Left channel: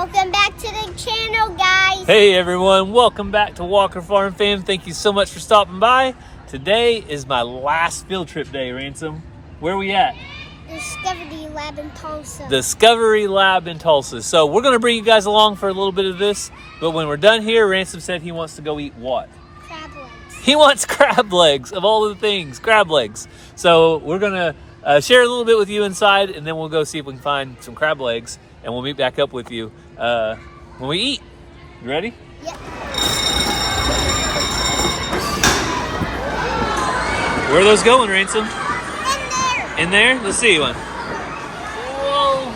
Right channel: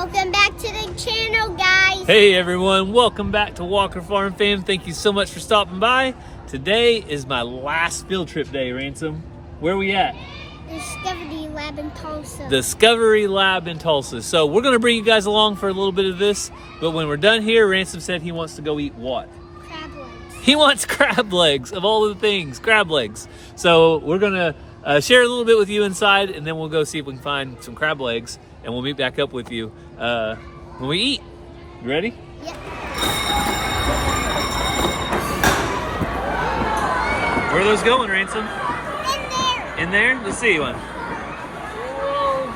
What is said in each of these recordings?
Welcome back to the channel, guys. Hey everyone, welcome back to Walker Farm Fam. Thank you so much for stopping by. Today is my last field trip day, Ransom. Where are we at? Discovery Lab in Tulsa. Discovery Lab in Tulsa. So we're gonna bring you guys along for a little bit of this, but when we're done here, Ransom said he wants to go eat what? Crab legs. He wants crab legs, of all of the things, crab legs. So we're gonna share a little bit with you inside, and then we'll go see if we can find some crab legs, and we'll meet back up with you when we eat. You ready? Yep. Where are those going, Ransom? In there. In there? Let's see one. Whoa.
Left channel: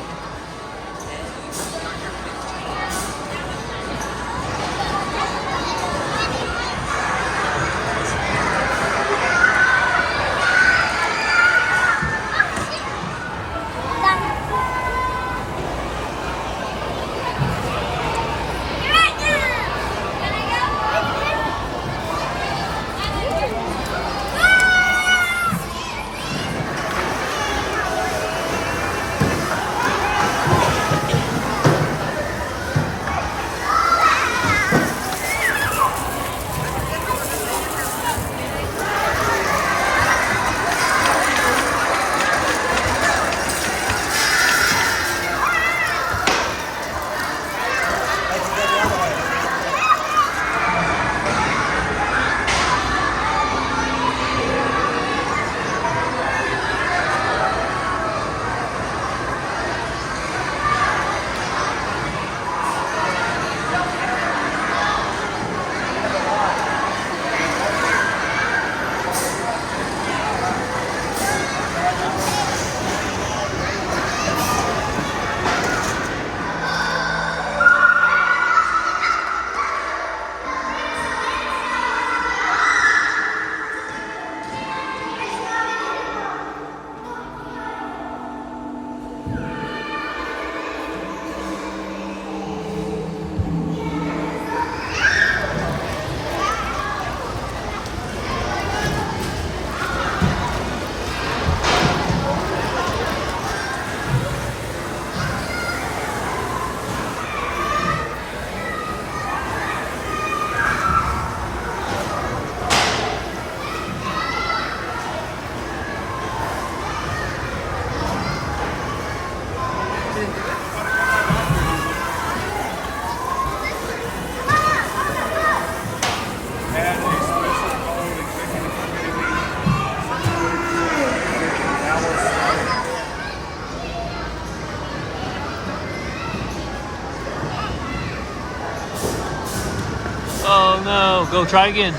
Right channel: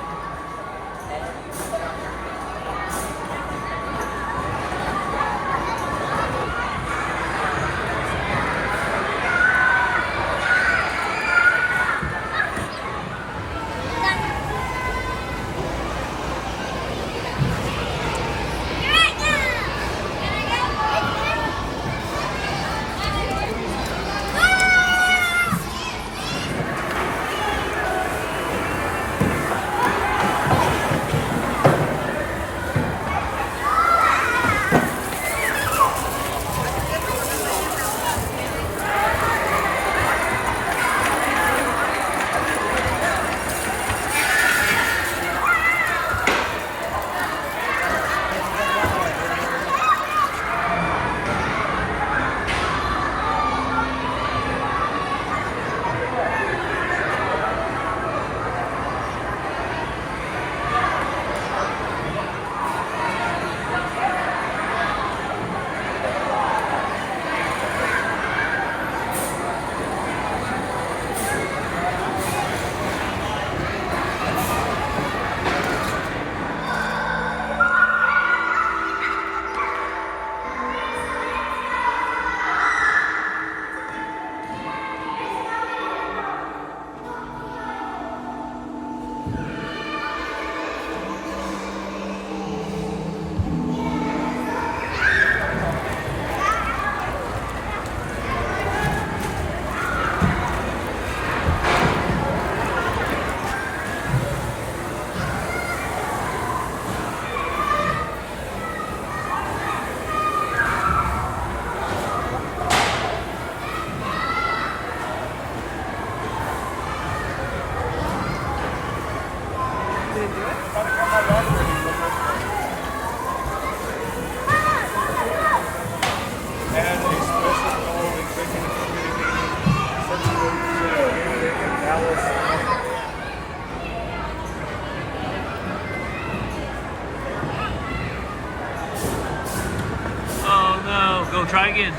Oh no, go try again.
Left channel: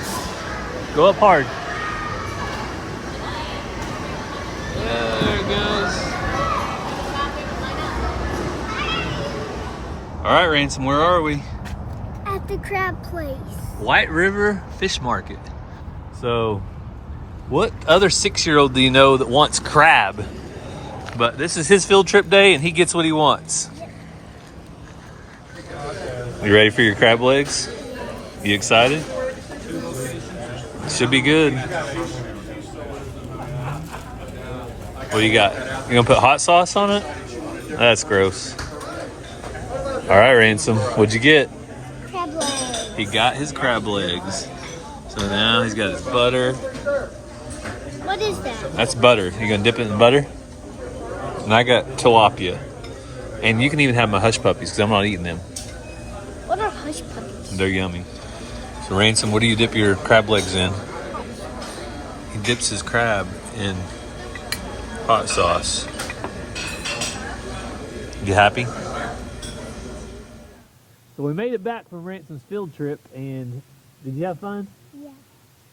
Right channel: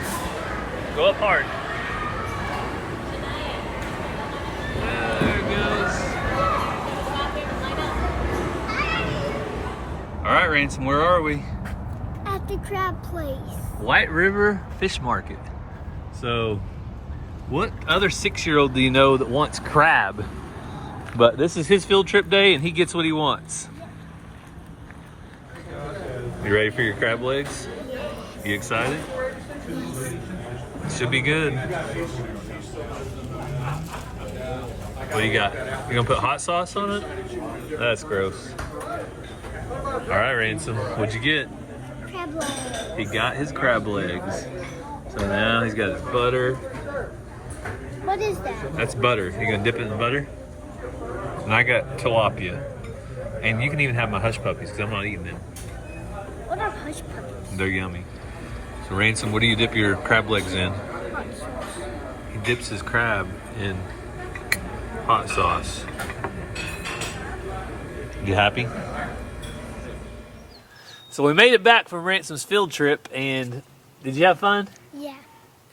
Go up hard. There it goes. All right, Ransom, where are we? At the crab place. White River Fish Market. So, what other 6-year-old do you know that wants crab? But this is his field trip day and he gets what he wants. You ready for your crab legs? You excited? Should be good. What do you got? You gonna put hot sauce on it? That's gross. All right, Ransom, what'd you get? Crab legs. He got his crab legs. So now he's got his butter. What is that? That's butter. You gonna dip it in butter? And I got tilapia. And you can even have my hush puppies because I'm not eating them. What are hush puppies? They're yummy. So Ransom, what do you dip your crab legs in? He dips his crab in hot sauce. You happy? So we made it back from Ransom's field trip, and did you have fun? Yeah.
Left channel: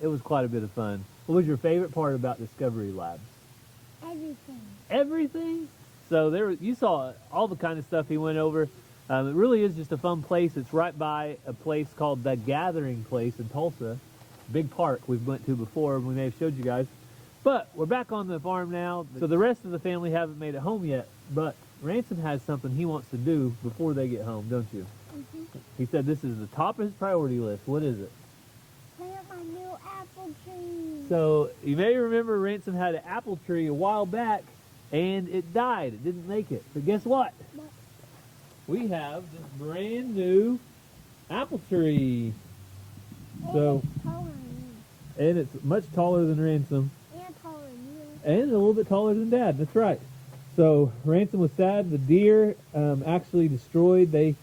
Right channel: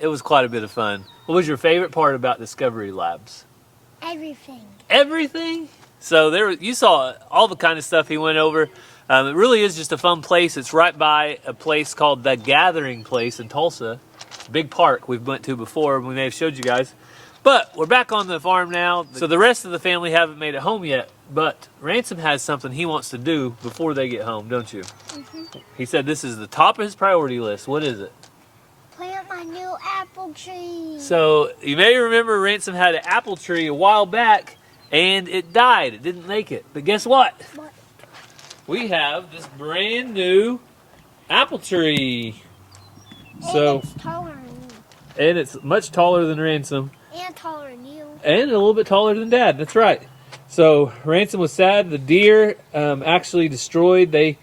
It was quite a bit of fun. What was your favorite part about Discovery Labs? Everything. Everything? So you saw all the kind of stuff he went over. It really is just a fun place. It's right by a place called The Gathering Place in Tulsa. Big park we've went to before. We may have showed you guys. But we're back on the farm now. So the rest of the family haven't made it home yet. But Ransom has something he wants to do before they get home, don't you? Mm-hmm. He said this is the top of his priority list. What is it? Plant my new apple tree. So you may remember Ransom had an apple tree a while back and it died. It didn't make it. But guess what? What? we have this brand new apple tree. So, And it's taller than you. and it's much taller than Ransom. And taller than you. And a little bit taller than Dad. That's right. So Ransom was sad. The deer actually destroyed. They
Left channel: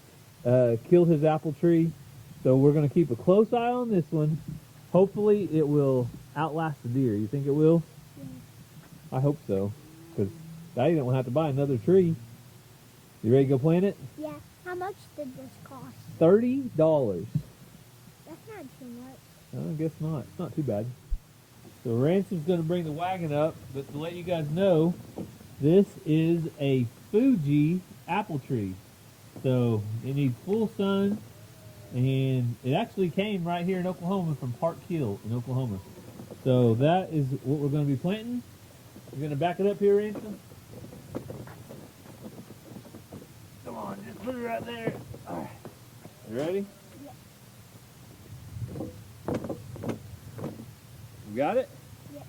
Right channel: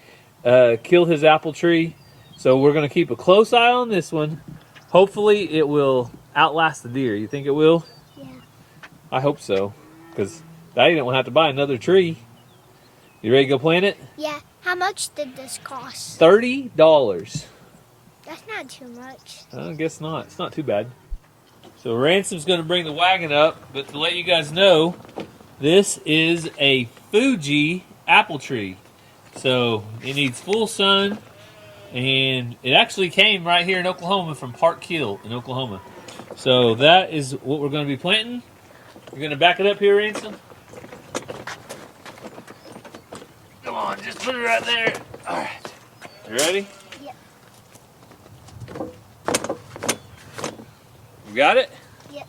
killed his apple tree. So we're going to keep a close eye on this one. Hopefully it will outlast the deer. You think it will? Yeah. I hope so. Because Daddy didn't want to have to buy another tree. You ready to go plant it? Yeah. How much did this cost? $30. That's not too much. I guess not. It's not too bad. So Ransom's going to bring the wagon up. But to let you guys know, this is a Fuji apple tree. So it needs full sun. And it actually came right here in Oklahoma from Park Hill in Oklahoma. So that is what we're going to be planting. You're going to back it up here, Ransom? Come on, just put it right there. All right. You ready? Yep. You got it? Yep.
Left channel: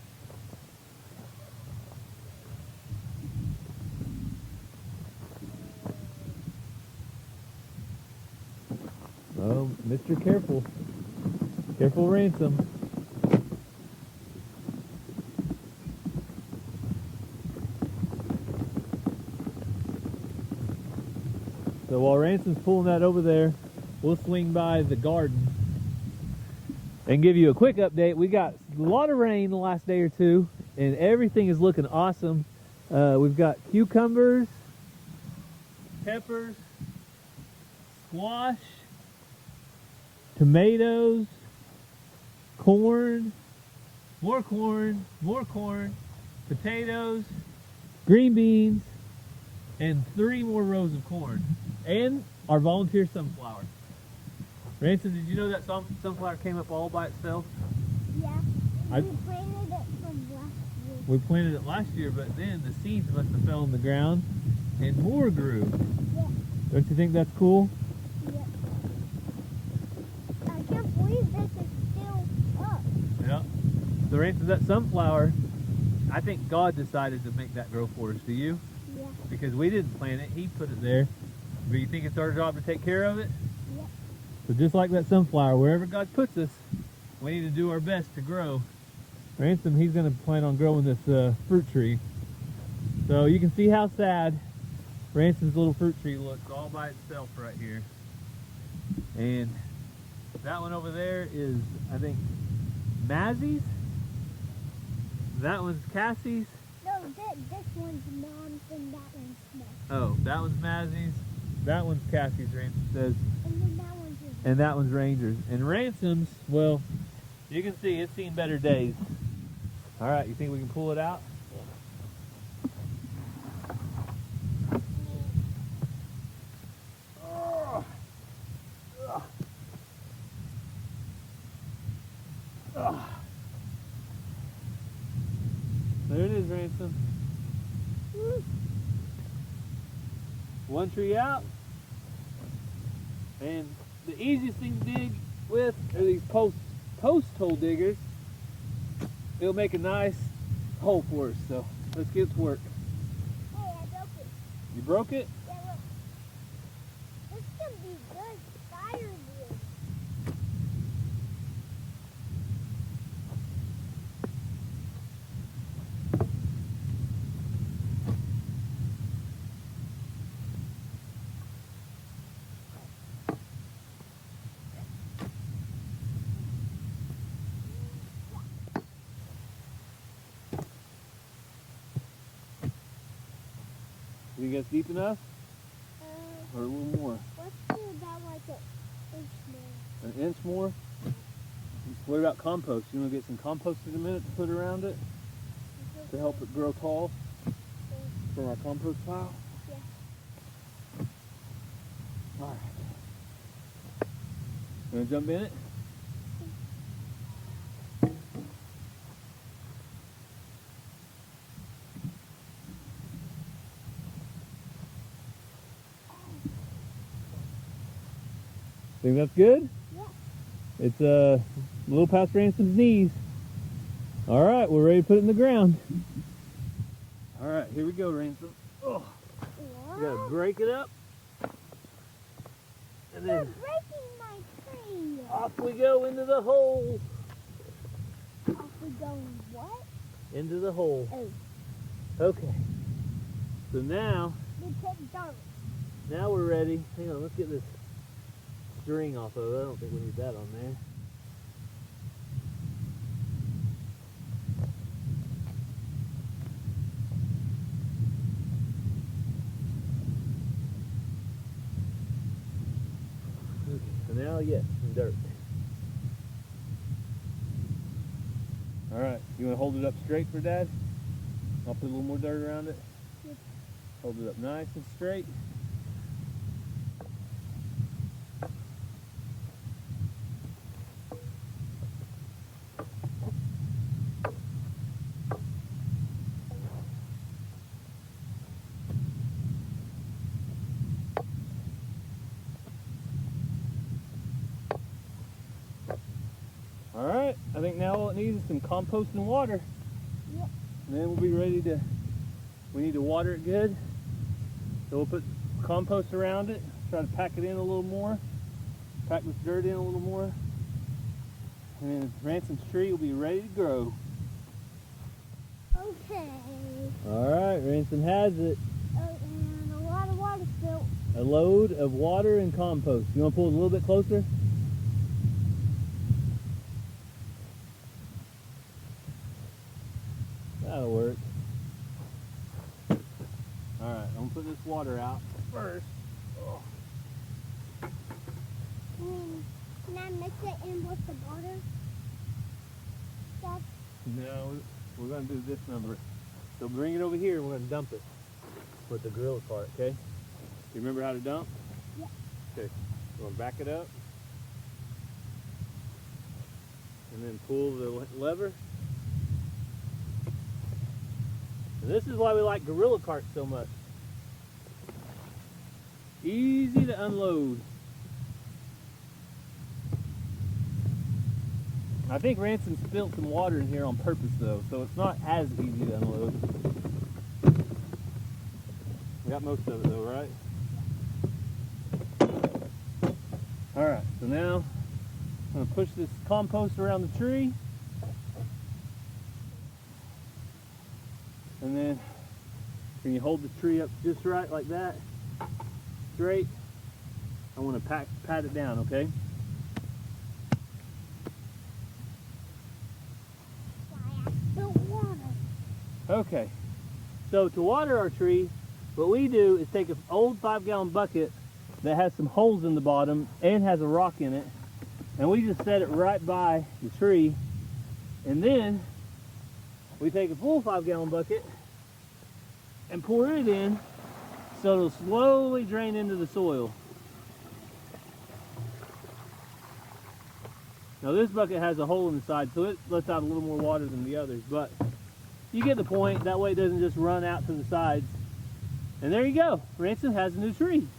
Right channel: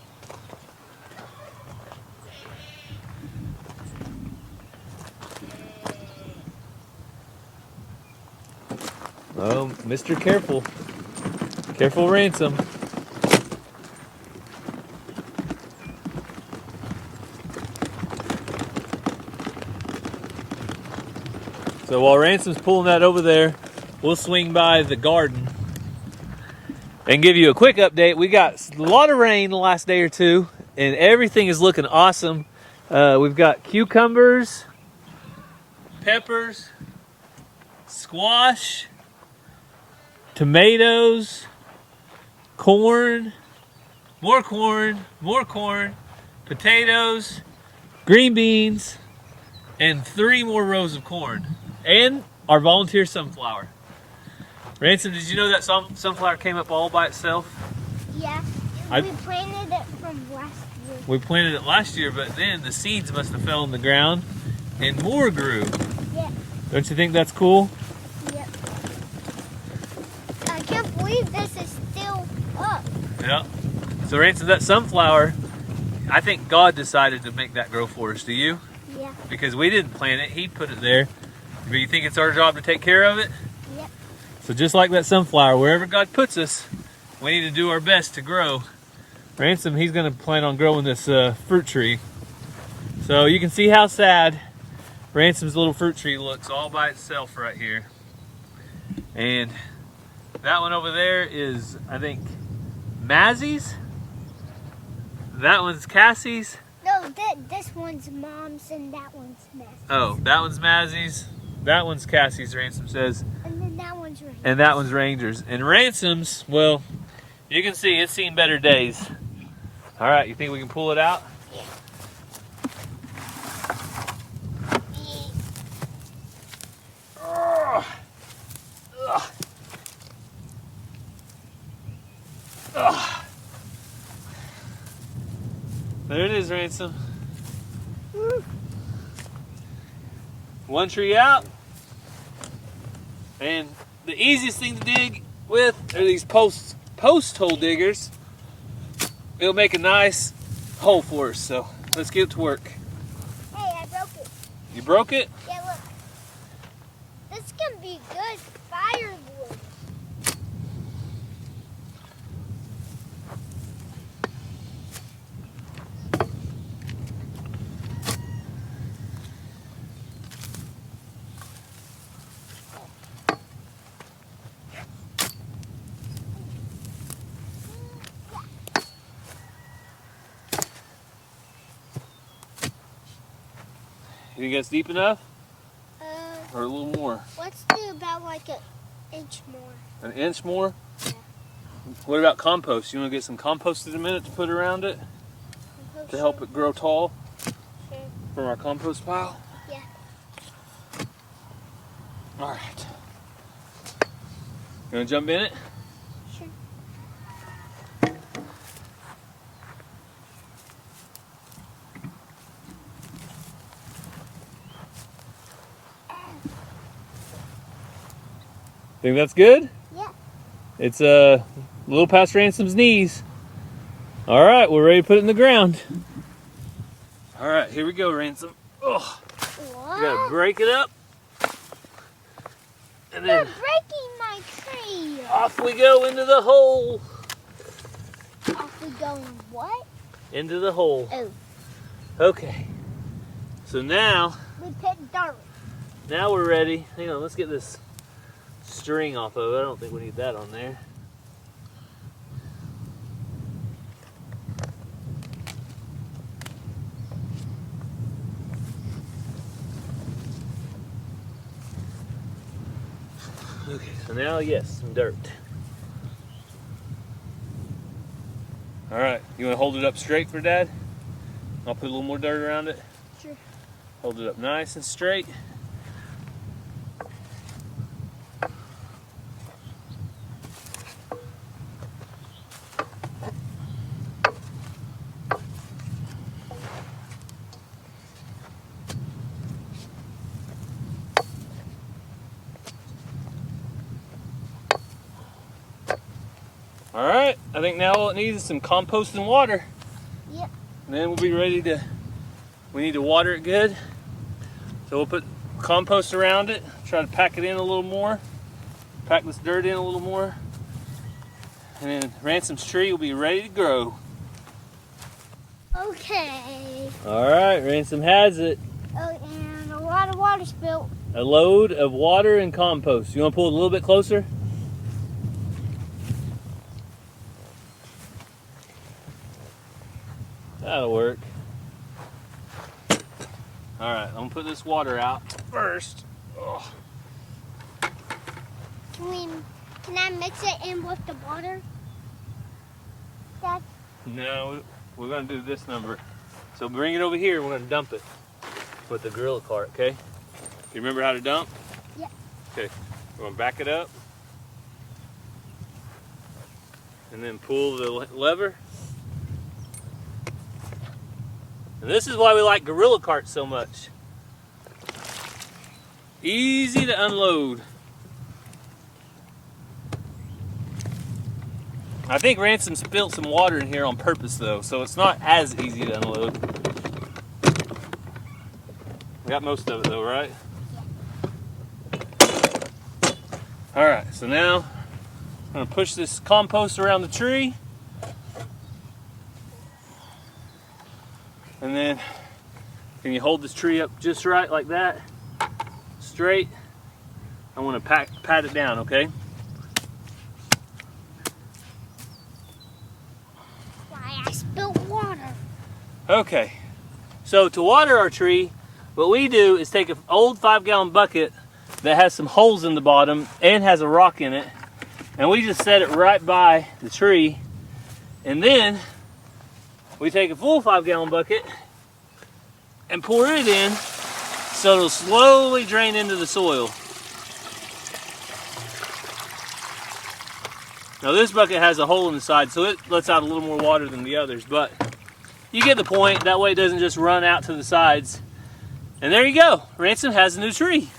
Oh, Mr. Careful. Careful, Ransom. So while Ransom's pulling that over there, we'll swing by the garden and give you a quick update. We got a lot of rain the last day or two, and everything is looking awesome. We've got cucumbers, peppers, squash, tomatoes, corn, more corn, potatoes, green beans, and 3 more rows of corn. And our volunteer sunflower. Ransom, did you know that sunflower came up all by itself? Yeah. We planted it from last year. We planted it last year, but then the seeds must have fell on the ground and more grew. Yeah. Don't you think that's cool? Yep. I can't believe this is still up. Yeah. So Ransom, that sunflower, I think God decided to make that grow for us. Do you? Yeah. Because we didn't plant it, He put it there. But you think it's our job to take care of it? Yep. So just like that sunflower, wherever God puts us, we need to do our best to grow. Ransom, he's going to plan on growing this fruit tree. So you can see how sad Ransom's little fruit tree looks all by itself right here. And that one over there is, I think, Mazzy's. That one's Cassie's. No, this one's Mom's and that one's Matt's. Oh, that one's Mazzy's. That one's Cassie's, Ransom says. And then that one's Ranger's. And that one's Ranger's. And Ransom's, well, you can see it's seen better days. All right, you think we can pull it out? Ugh. Ugh. Ugh. There it is, Ransom. Woo. One tree out. And the easiest thing to dig with are these post hole diggers. It'll make a nice hole for us, so let's get to work. Hey, I broke it. You broke it? Yeah, look. This can be good firewood. You think that's deep enough? Uh, Or a little more? let's do about like an inch more. An inch more? Yeah. What about compost? You want to get some compost in a minute to put around it to help it grow tall Okay. from our compost pile? Yeah. All right. You want to jump in it? Sure. Think that's good? Yeah. It's a little past Ransom's knees. All right, we're ready to put it in the ground. All right, here we go, Ransom. Oh, What? you gotta break it up. And You're then breaking my tree. off we go into the hole. Off we go in what? Into the hole. Oh. Okay. So now We put dirt. Now we're ready. Hang on, let's get this string off of it. I don't think we need that on there. Okay, so now, yes, some dirt. All right, you want to hold it up straight for Dad? I'll put a little more dirt around it. Sure. Hold it up nice and straight. All right, I think now all it needs is some compost and water. Yep. And then we'll be ready to, we need to water it good. So we'll put compost around it, try to pack it in a little more, pack this dirt in a little more. And then Ransom's tree will be ready to grow. Okay. All right, Ransom has it. Oh, and a lot of water spilled. A load of water and compost. You want to pull it a little bit closer? That'll work. All right, I'm gonna put this water out first. Oh. Can I mix it in with the water? Dad? No, we're gonna do this number. So bring it over here, we're gonna dump it with the gorilla cart, okay? You remember how to dump? Yeah. Okay, we're gonna back it up. And then pull the lever. And this is why we like gorilla carts so much. Easy to unload. I think Ransom spilled some water in here on purpose though, so it's not as easy to unload. We got most of it though, right? All right, so now I'm gonna push this compost around the tree. And then, can you hold this tree up just right like that? Straight. I want to pat it down, okay? Why, I spilled water. Okay. So to water our tree, what we do is take an old 5-gallon bucket that has some holes in the bottom and has a rock in it, and we just set it right by the tree, and then we take a full 5-gallon bucket and pour it in so it'll slowly drain into the soil. Now this bucket has a hole in the side, so it lets out a little more water than the others, but you get the point. That way it doesn't just run out to the sides. And there you go. Ransom has a new tree.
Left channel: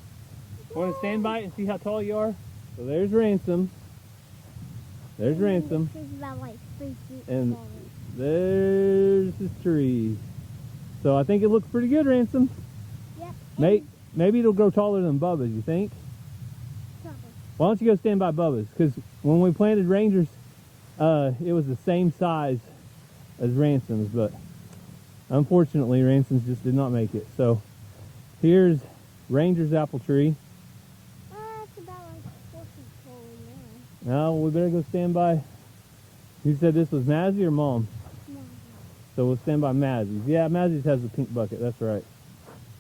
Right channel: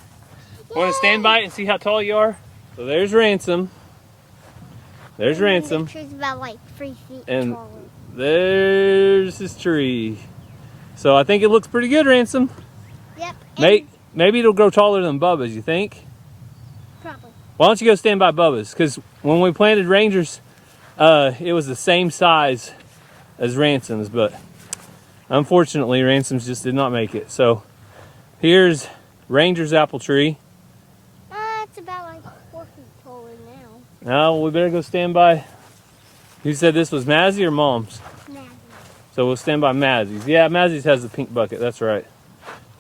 Want to stand by it and see how tall you are? So there's Ransom. There's Ransom. The tree's about like 3 feet And taller. there's his tree. So I think it looks pretty good, Ransom. Yep. Maybe it'll grow taller than Bubba's, you think? Probably. Why don't you go stand by Bubba's? Because when we planted Rangers, it was the same size as Ransom's, but unfortunately Ransom's just did not make it. So here's Ranger's apple tree. It's about like 4 feet taller now. Now we better go stand by. You said this was Mazzy or Mom's? Maggie. So we'll stand by Mazzy's. Yeah, Mazzy's has the pink bucket, that's right.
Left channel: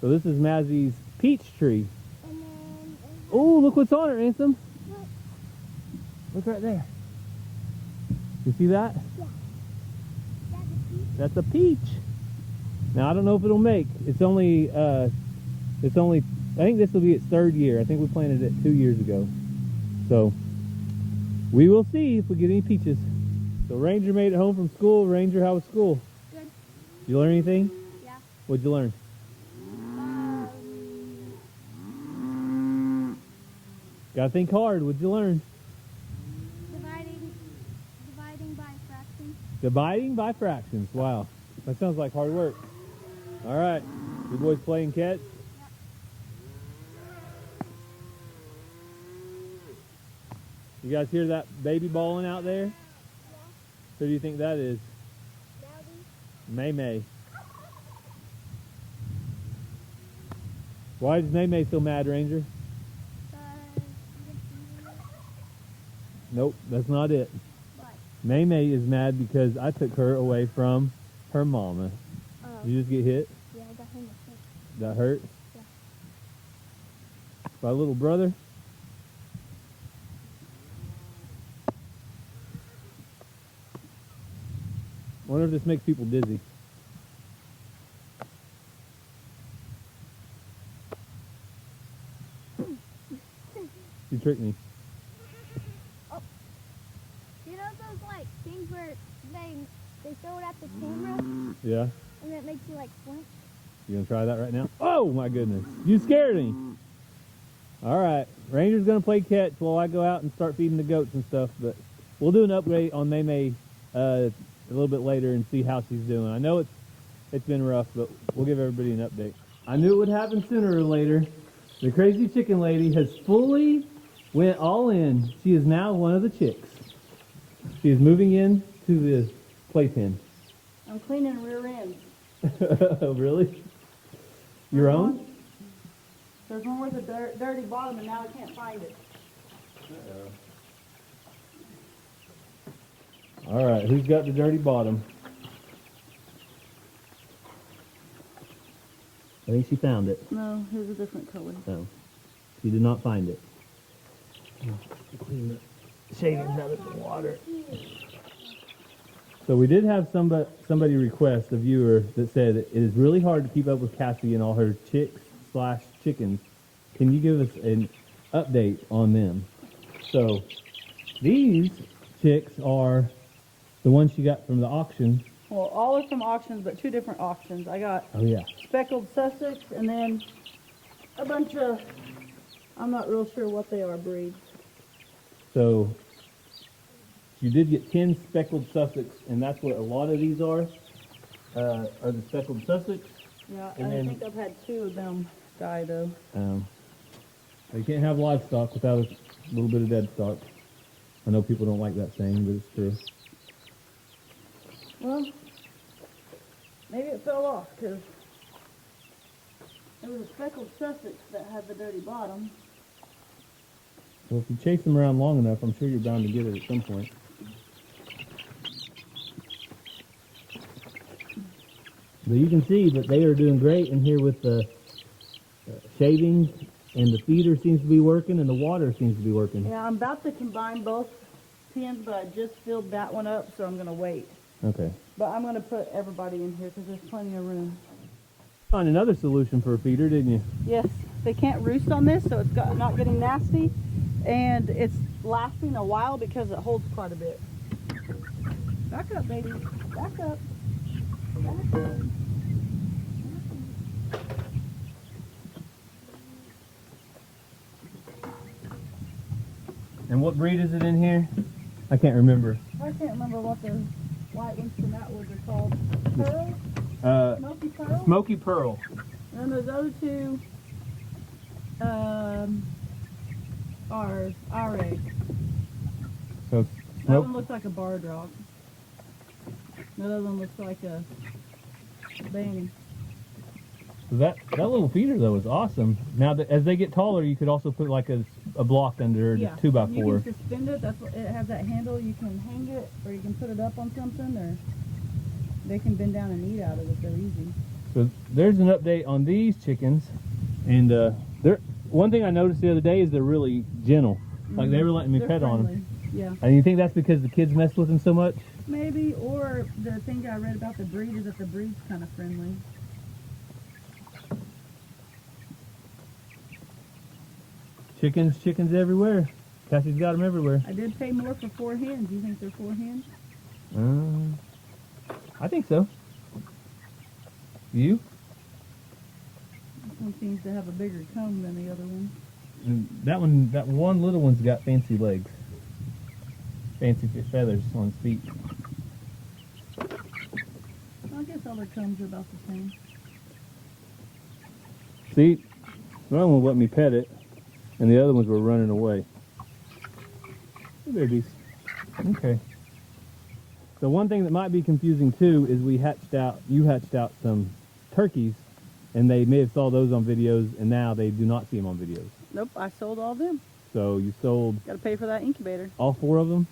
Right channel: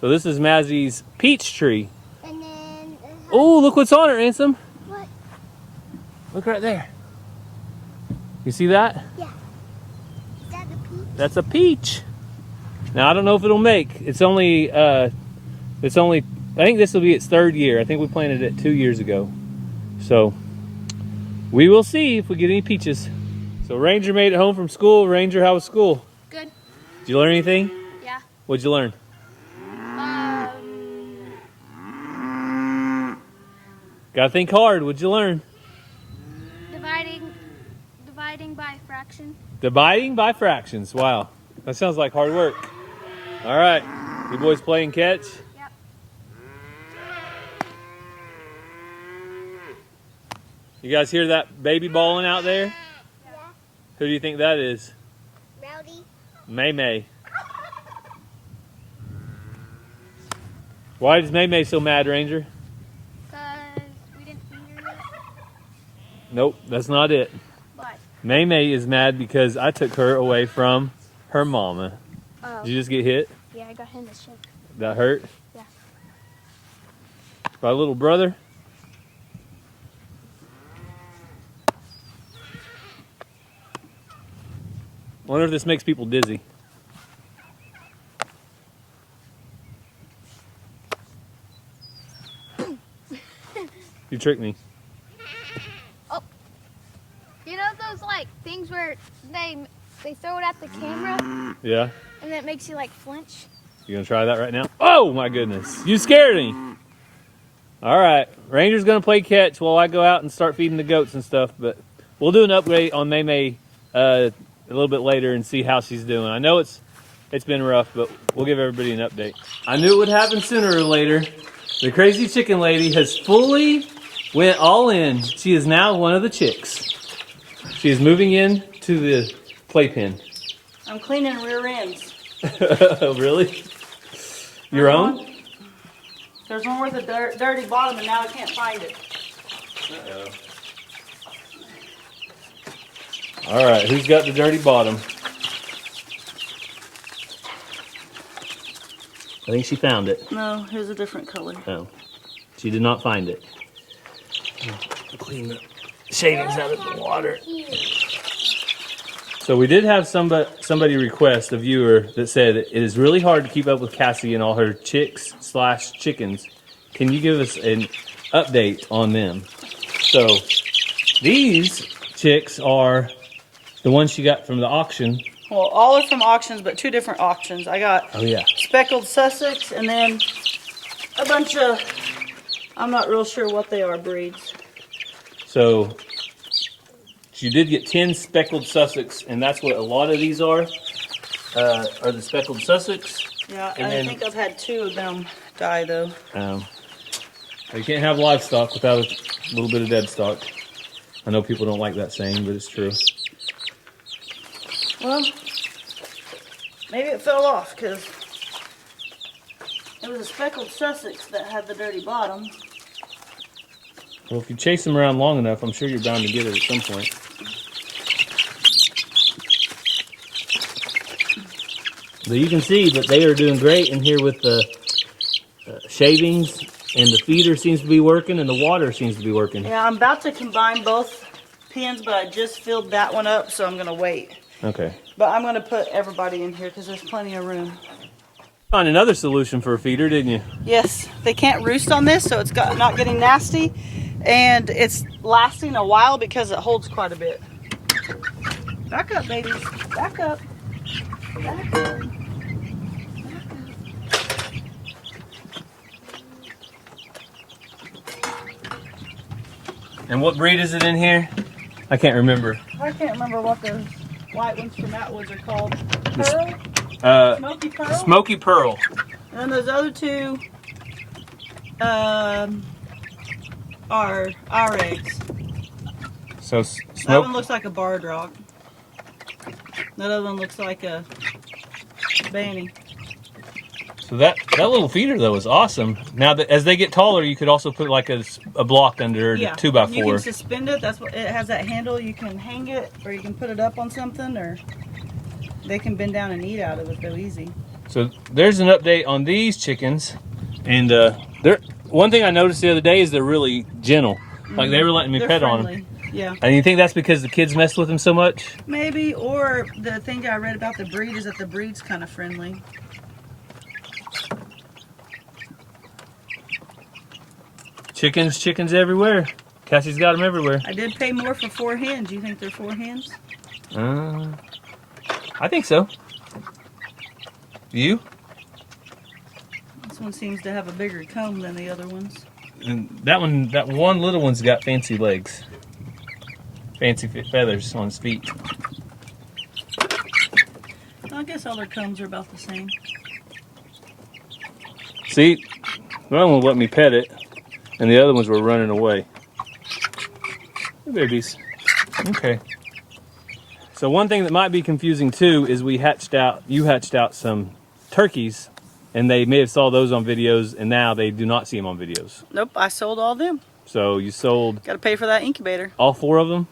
So this is Mazzy's peach tree. And then... Oh, look what's on it, Ransom. What? Look right there. You see that? Yeah. Is that the peach? That's a peach. Now I don't know if it'll make. It's only I think this will be its 3rd year. I think we planted it 2 years ago. So we will see if we get any peaches. So Ranger made it home from school. Ranger, how was school? Good. Did you learn anything? Yeah. What'd you learn? Gotta think hard. What'd you learn? Dividing by fraction. Dividing by fractions. Wow. That sounds like hard work. All right. You boys playing catch? Yep. You guys hear that baby bawling out there? Yeah. Who do you think that is? Rowdy. Maymay. Why is Maymay so mad, Ranger? Because we didn't feed her yet. Nope, that's not it. But, Maymay is mad because I took her away from her mama. oh. Did you just get hit? Yeah, I got him to shake. That hurt? Yeah. By a little brother? Wonder if this makes people dizzy. You tricked me. You know those like things where they throw it at the camera Yeah? and then it makes you like flinch? You gonna try that right now? Oh my goodness, you scared me. All right, Ranger's gonna play catch while I go out and start feeding the goats and stuff, but we'll do an upgrade on Maymay a little bit later and see how she's doing. I know it's been rough, but we'll give everybody an update. I knew it would happen sooner or later. The crazy chicken lady has fully went all in. She is now one of the chicks. She is moving in to the playpen. I'm cleaning rear ends. Really? Your own? There's one with a dirty bottom and now I can't find it. Uh-oh. All right, who's got the dirty bottom? I think she found it. No, here's a different color. Oh, she did not find it. Clean the shavings out of the water. So we did have somebody request, a viewer, that said it is really hard to keep up with Cassie and all her chicks/chickens. Can you give us an update on them? So these chicks are the ones she got from the auction. Well, all are from auctions, but two different auctions. I got Oh yeah. speckled Sussex and then a bunch of, I'm not real sure what they are, breeds. So you did get 10 speckled Sussex, and that's what a lot of these are the speckled Sussex. Yeah, And I then- think I've had two of them die though. You can't have livestock without a little bit of dead stock. I know people don't like that saying, but it's true. Well, maybe it fell off because it was a speckled Sussex that had the dirty bottom. Well, if you chase them around long enough, I'm sure you're bound to get it at some point. But you can see that they are doing great in here with the shavings, and the feeder seems to be working, and the water seems to be working. Yeah, I'm about to combine both pens, but I just filled that one up, so I'm going to wait. Okay. But I'm going to put everybody in here because there's plenty of room. Found another solution for a feeder, didn't you? Yes, they can't roost on this, so it's not getting nasty. And it's lasting a while because it holds quite a bit. Back up, babies. Back up. Back up. And what breed is it in here? I can't remember. I can't remember what those white ones from Atwoods are called. Pearl? Smoky Pearl? Smoky Pearl. And then those other two are our eggs. So That one looks like a barred rock. That other one looks like a banny. So that little feeder though is awesome. Now that as they get taller, you could also put like a block under Yeah, the 2x4. you can suspend it. That's what it has. That handle. You can hang it, or you can put it up on something, or they can bend down and eat out of it. Go easy. So there's an update on these chickens, and they're one thing I noticed the other day is they're really gentle. Like they were letting me They're pet on friendly. them. Yeah, And you think that's because the kids messed with them so much? maybe. Or the thing I read about the breed is that the breed's kind of friendly. Chickens everywhere. Cassie's got them everywhere. I did pay more for 4 hens. You think they're 4 hens? I think so. You? This one seems to have a bigger comb than the other ones. And that one little one's got fancy legs. Fancy feathers on his feet. I guess all their combs are about the same. See, one won't let me pet it, and the other ones were running away. Babies. Okay. So one thing that might be confusing too is you hatched out some turkeys, and they may have saw those on videos, and now they do not see them on videos. Nope, I sold all them. So you sold Got to pay for that incubator. all 4 of them,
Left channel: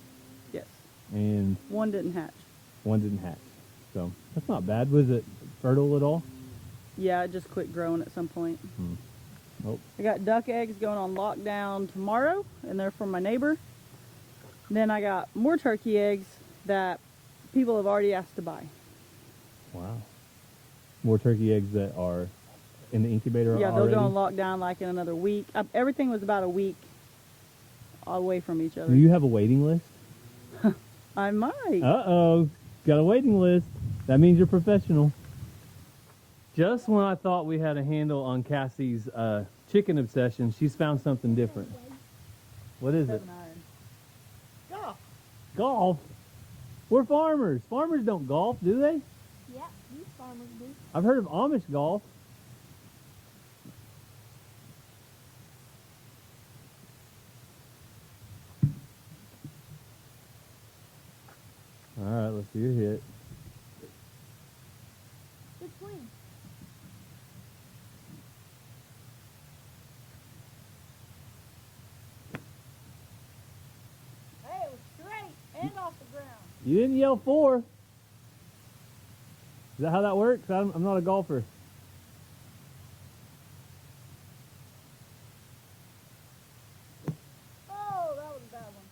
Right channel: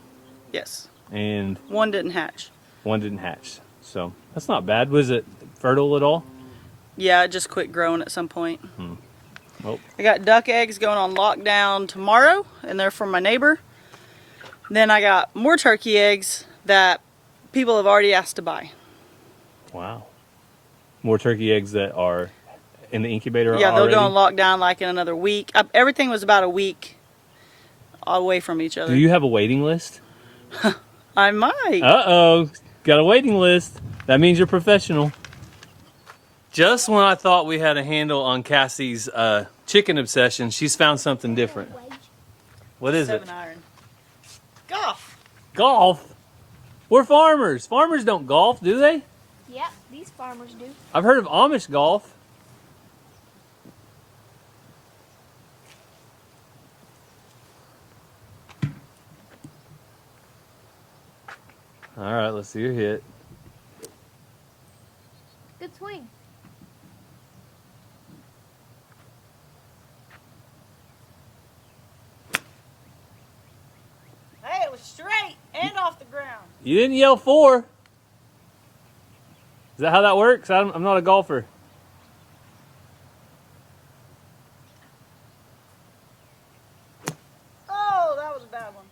Yes. and One didn't hatch. one didn't hatch. So that's not bad. Was it fertile at all? Yeah, it just quit growing at some point. Nope. I got duck eggs going on lockdown tomorrow, and they're from my neighbor. Then I got more turkey eggs that people have already asked to buy. Wow. More turkey eggs that are in the incubator Yeah, they'll already? go on lockdown like in another week. Everything was about a week away from each other. Do you have a waiting list? I might. Uh-oh. Got a waiting list. That means you're professional. Just when I thought we had a handle on Cassie's chicken obsession, she's found something different. What is it? 7-iron. Golf. Golf? We're farmers. Farmers don't golf, do they? Yep, these farmers do. I've heard of Amish golf. All right, let's see your hit. Good swing. Hey, it was straight and off the ground. You didn't yell 4. Is that how that works? I'm not a golfer. Oh, that was a bad one.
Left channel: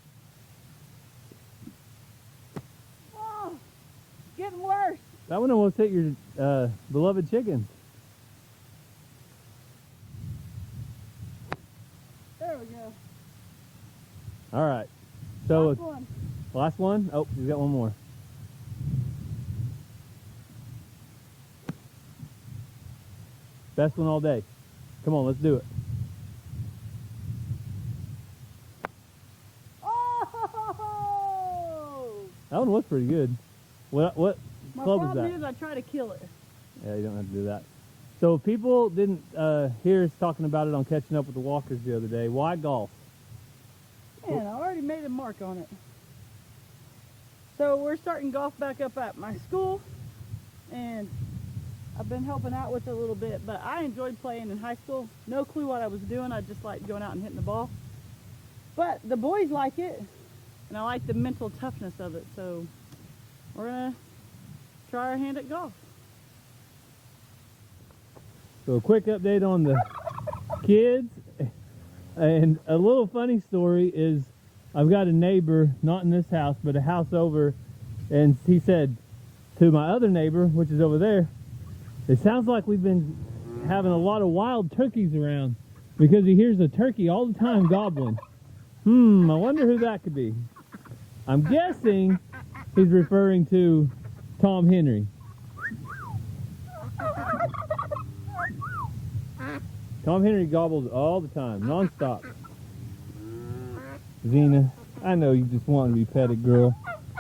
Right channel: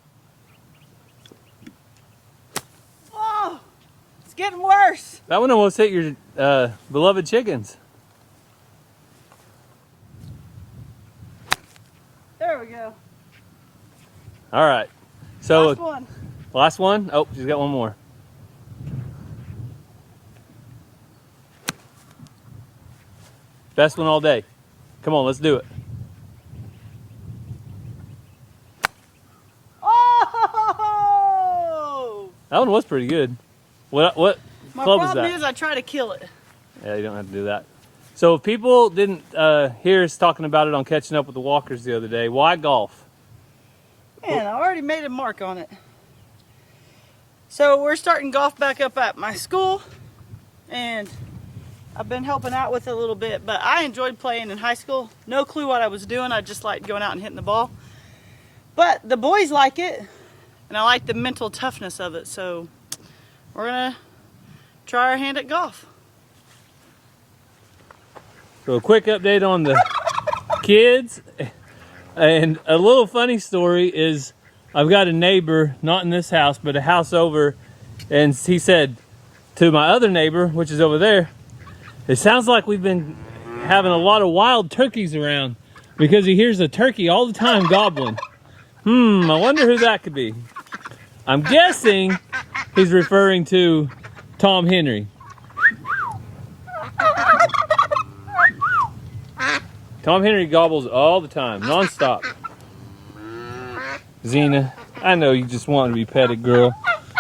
Oh, it's getting worse. That one almost hit your beloved chickens. There we go. All right. So Last one. last one. Oh, she's got one more. Best one all day. Come on, let's do it. Oh! That one was pretty good. What My club is problem that? is I try to kill it. Yeah, you don't have to do that. So if people didn't hear us talking about it on Catching Up with the Walkers the other day, why golf? Man, I already made a mark on it. So we're starting golf back up at my school, and I've been helping out with it a little bit, but I enjoyed playing in high school. No clue what I was doing. I just liked going out and hitting the ball. But the boys like it, and I like the mental toughness of it, so we're gonna try our hand at golf. So a quick update on the kids. And a little funny story is I've got a neighbor, not in this house, but a house over, and he said to my other neighbor, which is over there, it sounds like we've been having a lot of wild turkeys around, because he hears a turkey all the time gobbling. I wonder who that could be. I'm guessing he's referring to Tom Henry. Tom Henry gobbles all the time, non-stop. Xena, I know you just want to be petted, girl.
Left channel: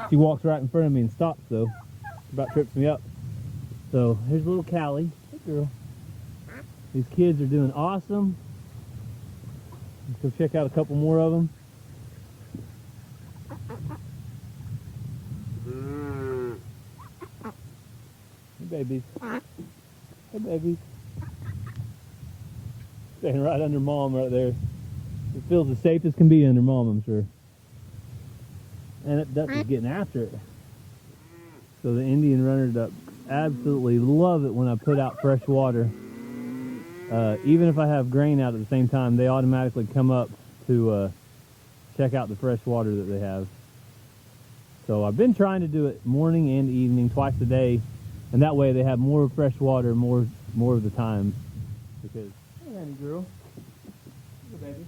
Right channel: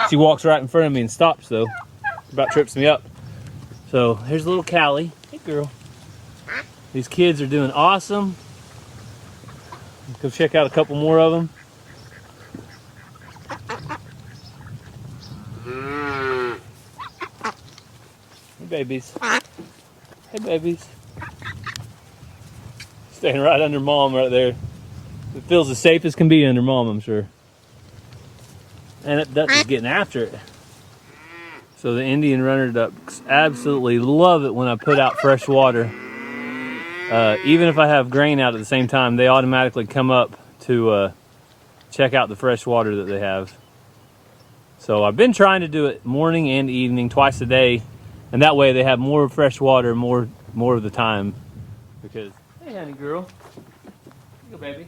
She walks right in front of me and stops, though. About trips me up. So here's little Callie. Hey, girl. These kids are doing awesome. Go check out a couple more of them. Hey, babies. Hey, babies. Staying right under mom right there. It feels as safe as can be under mom, I'm sure. And that duck is getting after it. So the Indian runner ducks absolutely love it when I put out fresh water. Even if I have grain out at the same time, they automatically come up to check out the fresh water that they have. So I've been trying to do it morning and evening, twice a day, and that way they have more fresh water more of the time. Because, hey, honey girl, here you go, baby.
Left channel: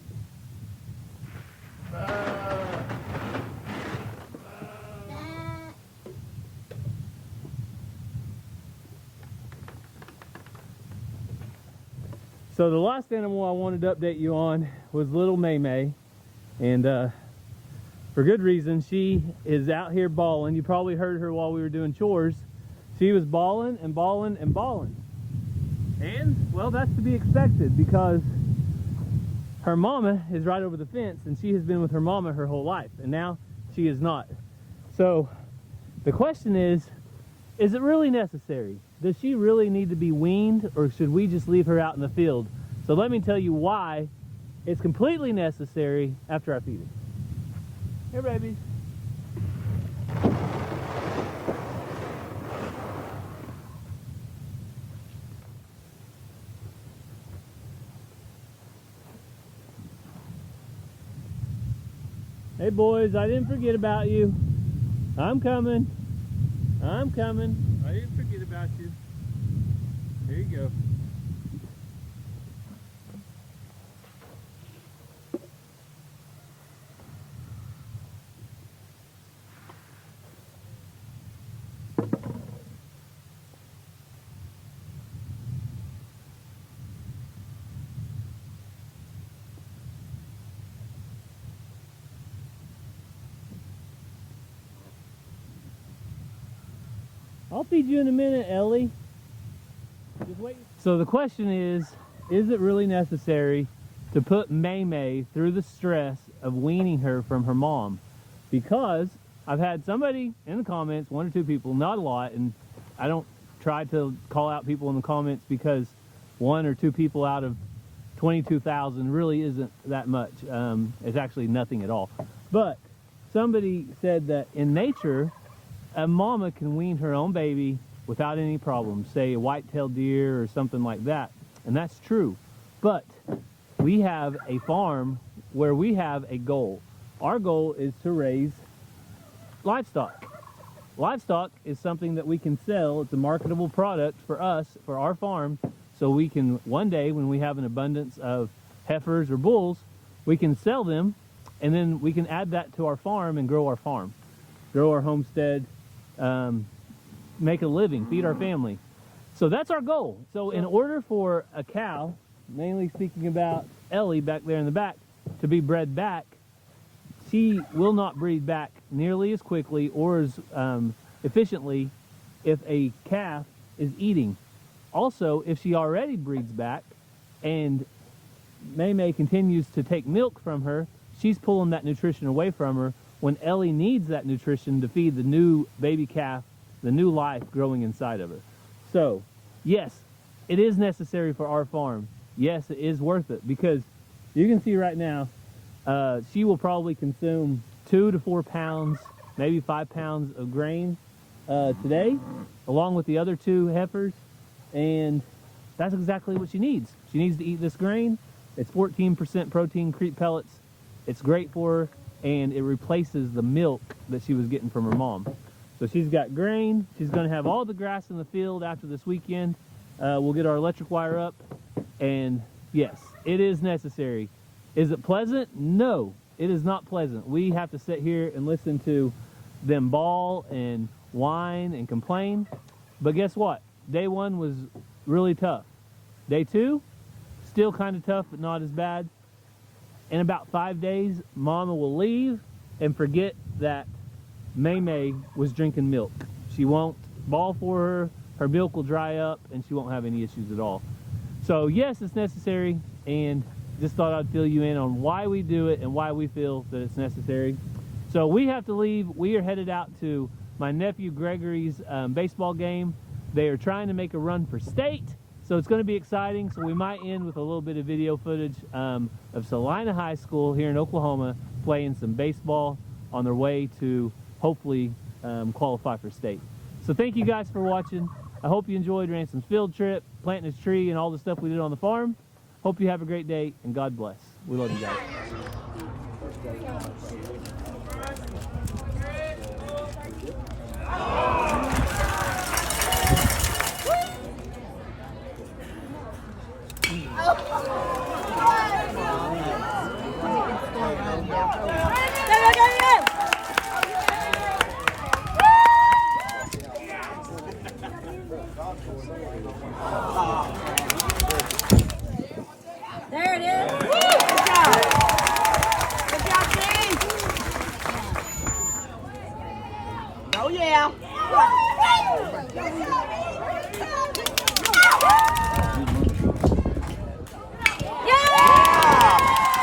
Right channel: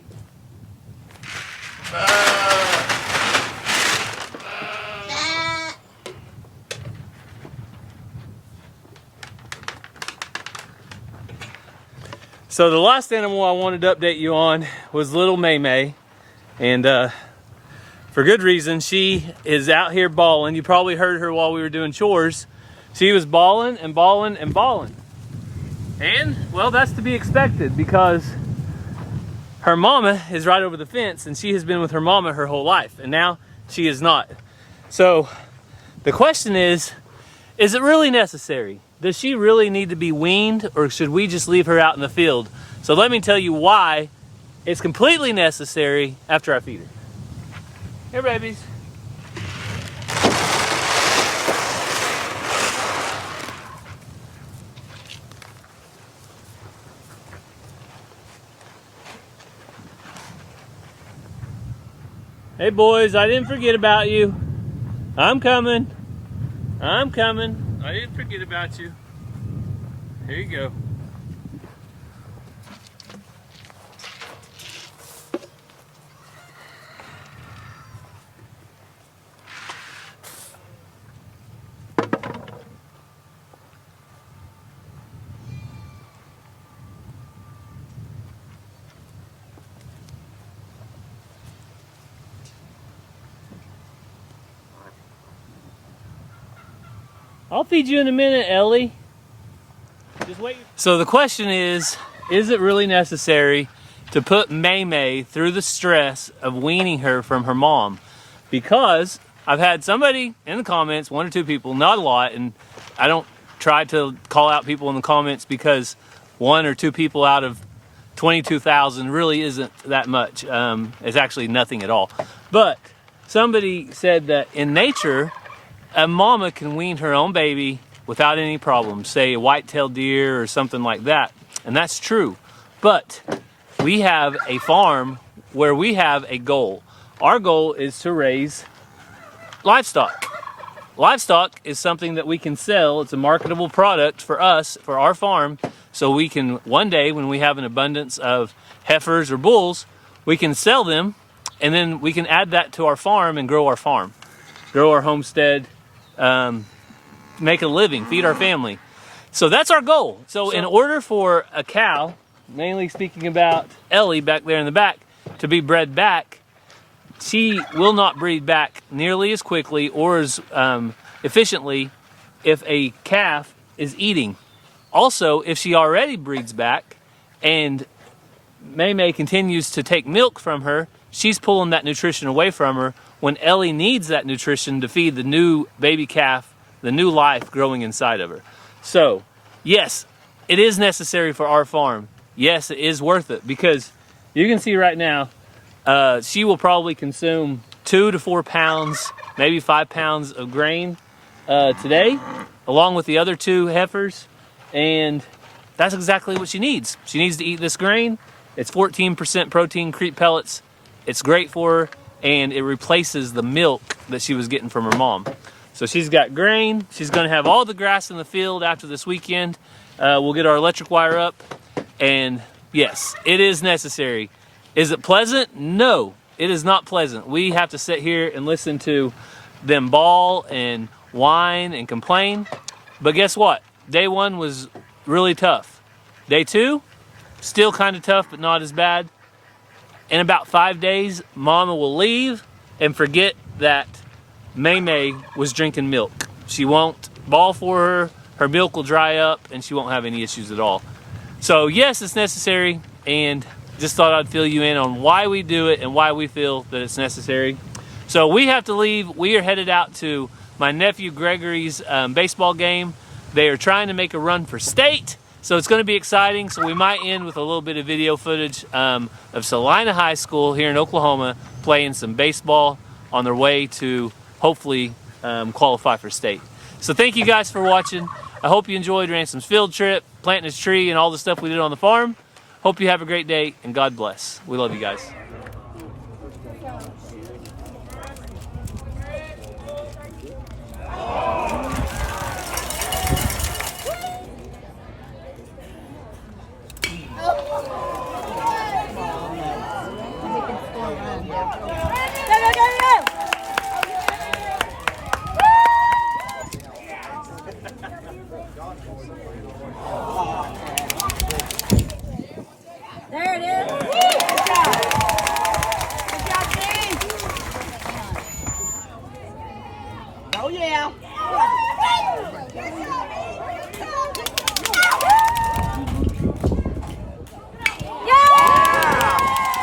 So the last animal I wanted to update you on was little Maymay, and for good reason. She is out here bawling. You probably heard her while we were doing chores. She was bawling and bawling and bawling. And, well, that's to be expected, because her mama is right over the fence, and she has been with her mama her whole life, and now she is not. So the question is it really necessary? Does she really need to be weaned, or should we just leave her out in the field? So let me tell you why it's completely necessary after I feed her. Here, babies. Hey boys, I didn't forget about you. I'm coming. I'm coming. I didn't forget about you. Here you go. I'll feed you in a minute, Ellie. Just wait. So the question is it really necessary to put Maymay through the stress of weaning her from her mom? Because I've had somebody in the comments, 1 or 2 people, not a lot, and I don't try to call out people in the comments because 1 or 2 people out of 22,000 really isn't that much. It's actually nothing at all. But somebody said that in nature, a mama can wean her own baby without any problem, say a white-tailed deer or something like that. And that's true. But we have a farm where we have a goal. Our goal is to raise livestock. Livestock is something that we can sell. It's a marketable product for us, for our farm, so we can one day, when we have an abundance of heifers or bulls, we can sell them, and then we can add that to our farm and grow our farm, grow our homestead, make a living, feed our family. So that's our goal. So in order for a cow, mainly speaking about Ellie back there in the back, to be bred back, she will not breed back nearly as quickly or as efficiently if a calf is eating. Also, if she already breeds back and Maymay continues to take milk from her, she's pulling that nutrition away from her when Ellie needs that nutrition to feed the new baby calf, the new life growing inside of her. So, yes, it is necessary for our farm. Yes, it is worth it because you can see right now, she will probably consume 2 to 4 pounds, maybe 5 pounds of grain today, along with the other 2 heifers, and that's exactly what she needs. She needs to eat this grain. It's 14% protein Crete pellets. It's great for her, and it replaces the milk that she was getting from her mom. So she's got grain. She's gonna have all the grass in the field after this weekend. We'll get our electric wire up, and yes, it is necessary. Is it pleasant? No, it is not pleasant. We have to sit here and listen to them bawl and whine and complain. But guess what? Day 1 was really tough. Day 2, still kind of tough, but not as bad. In about 5 days, Mama will leave and forget that Maymay was drinking milk. She won't bawl for her, her milk will dry up, and she won't have any issues at all. So yes, it's necessary, and just thought I'd fill you in on why we do it and why we feel that it's necessary. So we have to leave. We are headed out to my nephew Gregory's baseball game. They are trying to make a run for state, so it's going to be exciting. So we might end with a little bit of video footage of Salina High School here in Oklahoma playing some baseball on their way to hopefully qualify for state. So thank you guys for watching. I hope you enjoyed Ransom's field trip, planting his tree, and all the stuff we did on the farm. Hope you have a great day, and God bless. We love you guys. There it is. Good job. Good job, Steve. Oh, yeah. Yeah!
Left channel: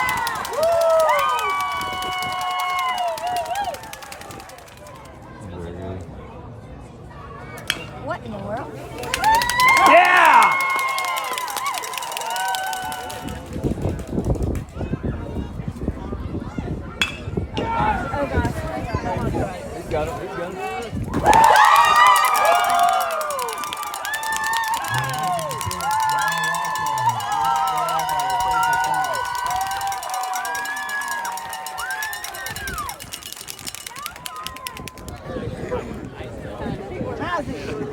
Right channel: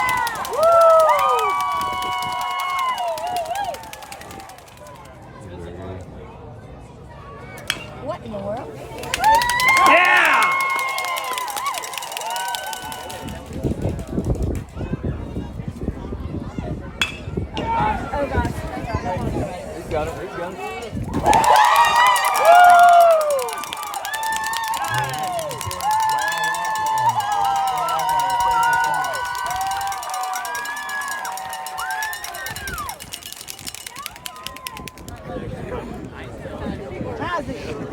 got it. He's got it. How's it?